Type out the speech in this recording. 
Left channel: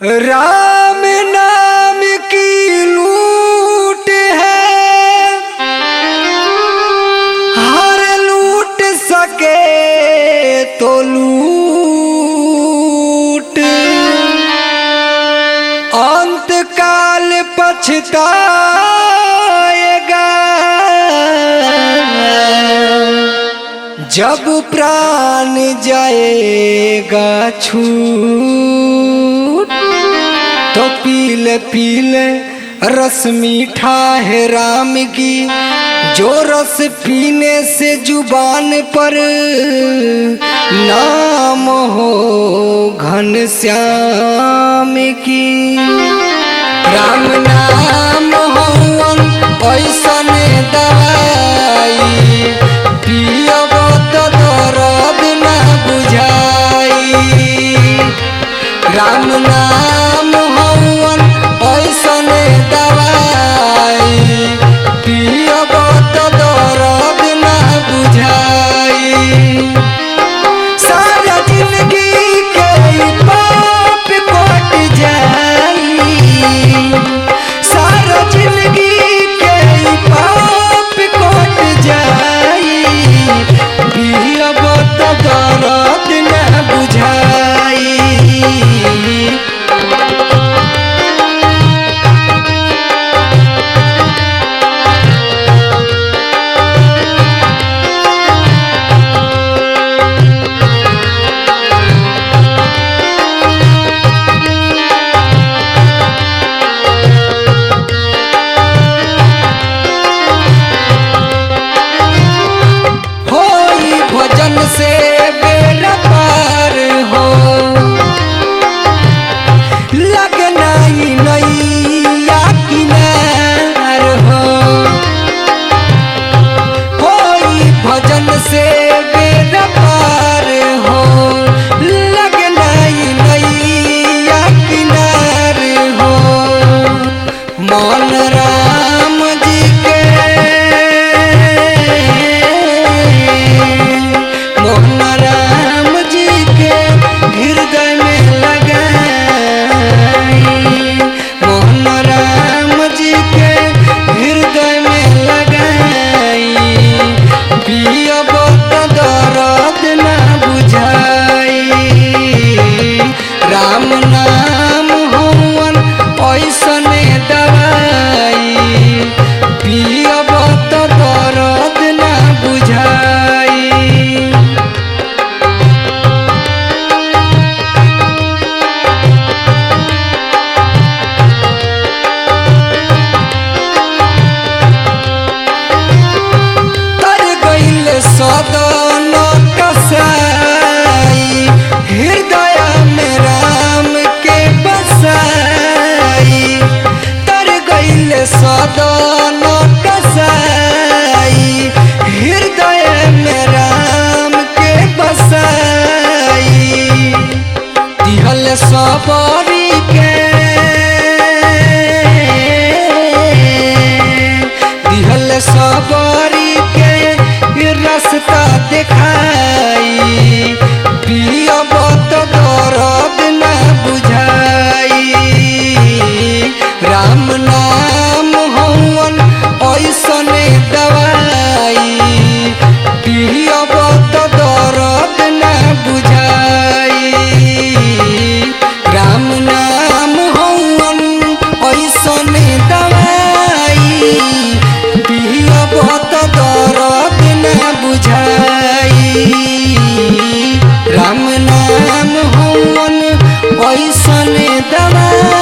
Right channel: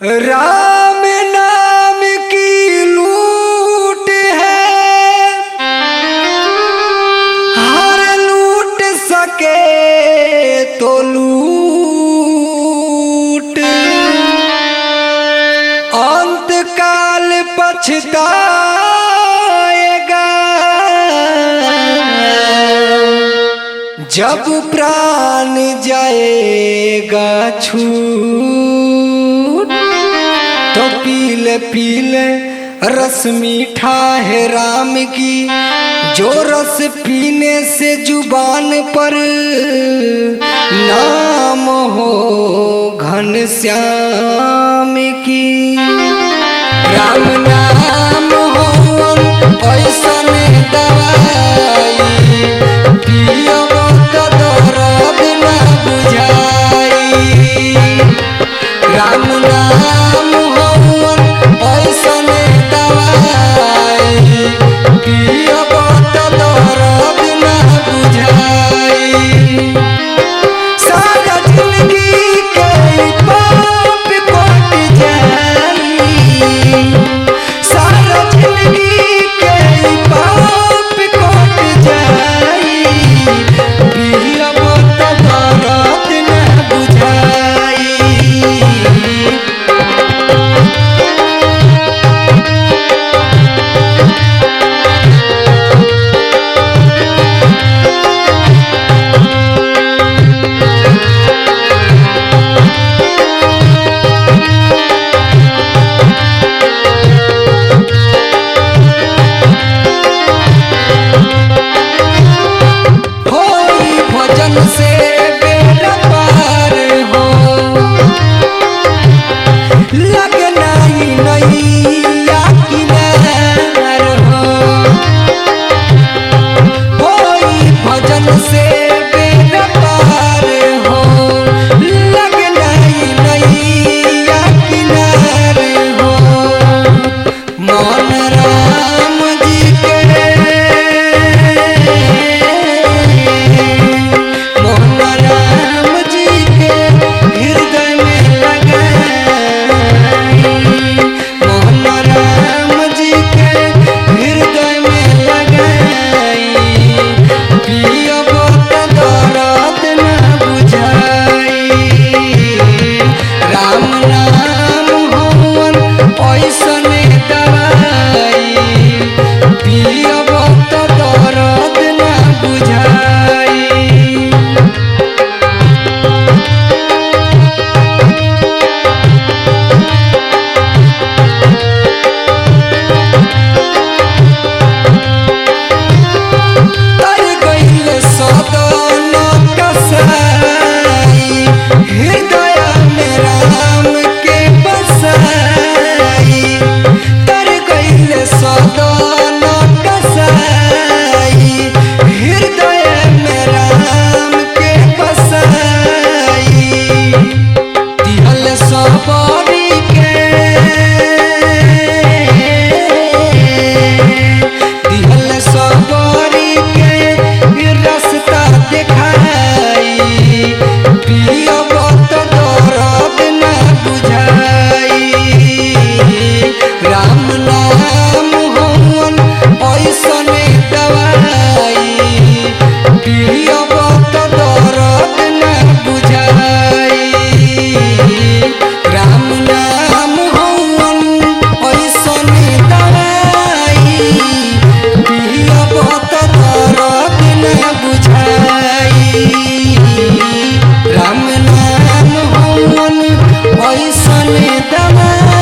राम नाम की लूट है, हर लूट सके तो लूट, अंत काल पछताएगा जब प्राण जाएगा छूट। तो पीले पीले रस मीठा है राम की, जो रस पीने से जुबान पर नाम हो घनश्याम की। राम नाम हो ऐसन दवाई, पियब तो दर्द ना बुझाई। राम नाम हवन ऐसन दवाई, पियब तो दर्द ना बुझाई। सारा जिंदगी के पाप कट जाई, सारा जिंदगी के पाप कट जाई, पियब तो दर्द ना बुझाई। भजन से बेड़ा पार हो, लगना ही नैया किनार हो। भजन से बेड़ा पार हो, लगना ही नैया किनार हो। मन राम जी के, मोहन राम जी के हृदय में लगाई, मोहन राम जी के हृदय में लगाई, पियब तो दर्द ना बुझाई। राम नाम हवन ऐसन दवाई, पियब तो दर्द ना बुझाई। सदन कसाई, हृदय में राम के बसाई। तर गईल सदन कसाई, हृदय में राम के बसाई। दिहल सबरी के, दिहल सबरी के रास्ता दिखाई, पियब तो दर्द ना बुझाई। राम नाम हवन ऐसन दवाई, पियब तो दर्द ना बुझाई। राम नाम हवन ऐसन दवाई, पियब तो दर्द ना बुझाई। राम नाम हवन ऐसन दवाई।